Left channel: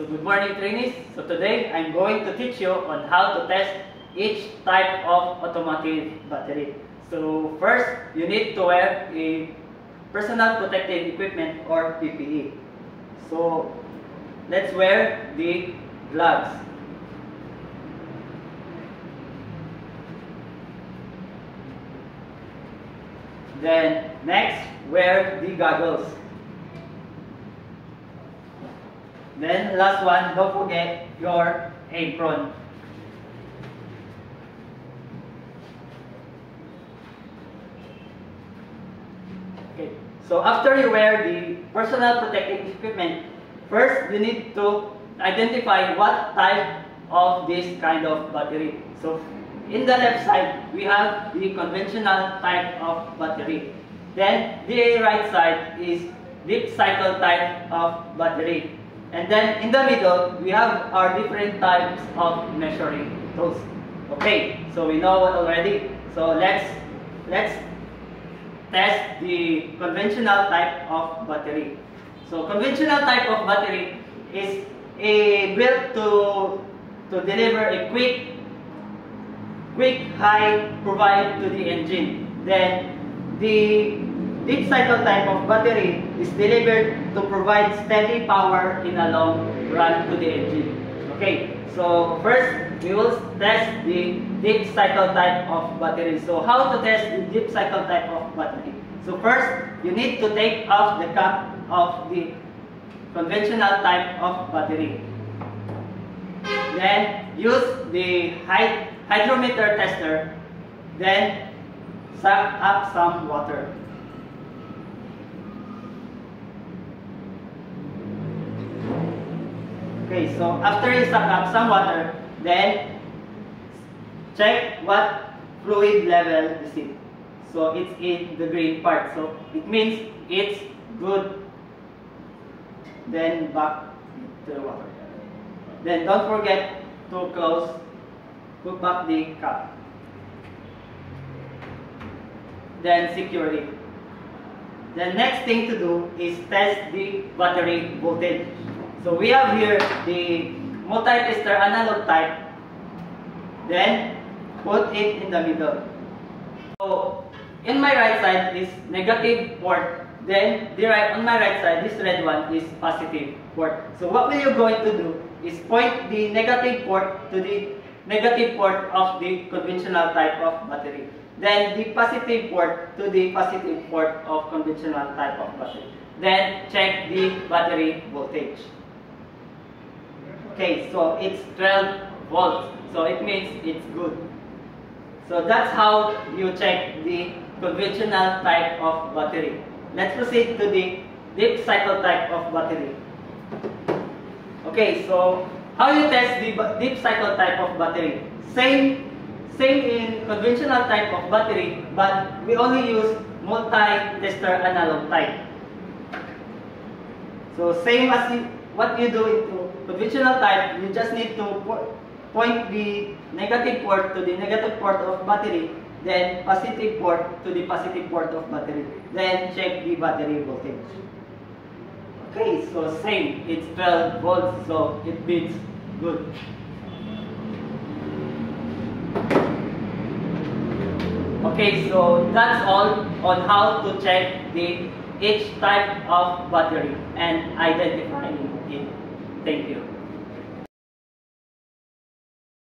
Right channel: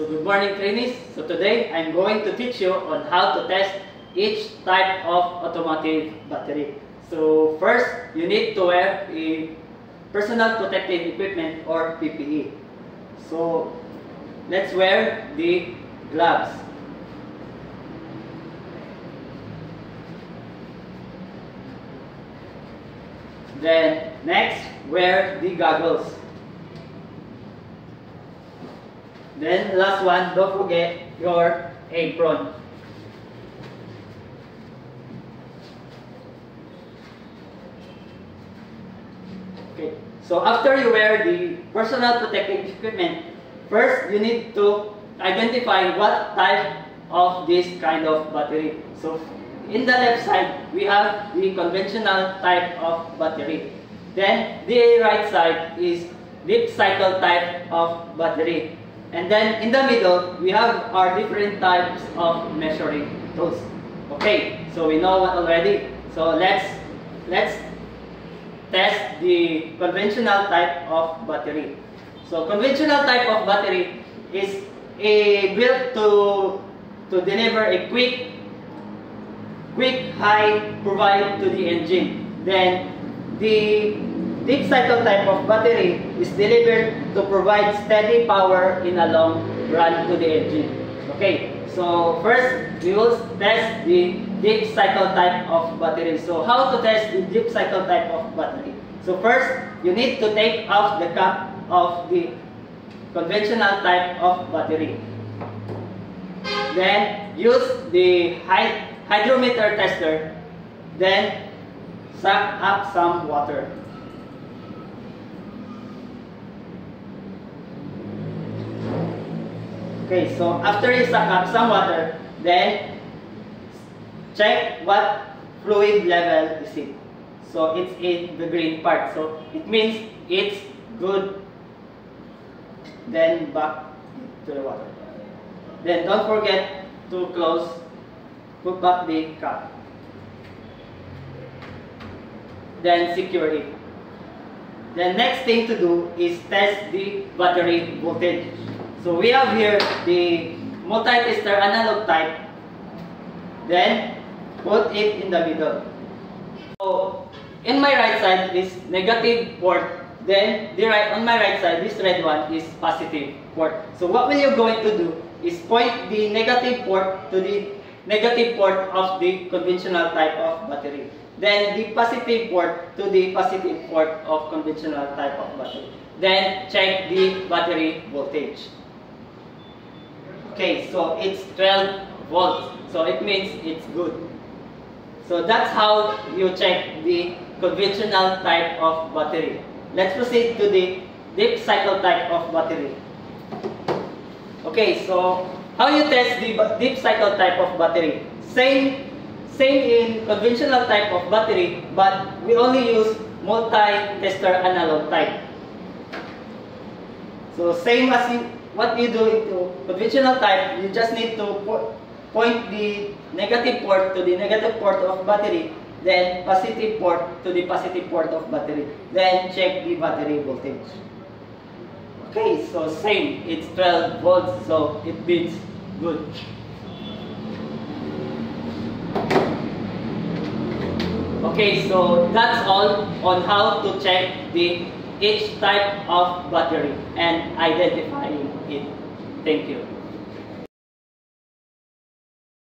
So good morning trainees. So today I'm going to teach you on how to test each type of automotive battery. So first, you need to wear a personal protective equipment or PPE. So let's wear the gloves. Then next, wear the goggles. Then last one, don't forget your apron. Okay, so after you wear the personal protective equipment, first you need to identify what type of this kind of battery. So in the left side, we have the conventional type of battery. Then the right side is deep cycle type of battery. And then in the middle, we have our different types of measuring tools. Okay, so we know what already. So let's test the conventional type of battery. So conventional type of battery is built to deliver a quick high provide to the engine. Then the deep cycle type of battery is delivered to provide steady power in a long run to the engine. Okay, so first we will test the deep cycle type of battery. So how to test the deep cycle type of battery? So first, you need to take off the cap of the conventional type of battery. Then use the hydrometer tester. Then suck up some water. Okay, so after you suck up some water, then check what fluid level is it. So it's in the green part, so it means it's good. Then back to the water. Then don't forget to put back the cap. Then secure it. The next thing to do is test the battery voltage. So we have here the multi-tester analog type. Then put it in the middle. So in my right side is negative port. Then on my right side, this red one is positive port. So what we are going to do is point the negative port to the negative port of the conventional type of battery. Then the positive port to the positive port of conventional type of battery. Then check the battery voltage. Okay, so it's 12 volts. So it means it's good. So that's how you check the conventional type of battery. Let's proceed to the deep cycle type of battery. Okay, so how you test the deep cycle type of battery? Same in conventional type of battery, but we only use multi-tester analog type. So same as what you do into conventional type, you just need to point the negative port to the negative port of battery, then positive port to the positive port of battery, then check the battery voltage. Okay, so same, it's 12 volts, so it means good. Okay, so that's all on how to check each type of battery and identifying it. Thank you.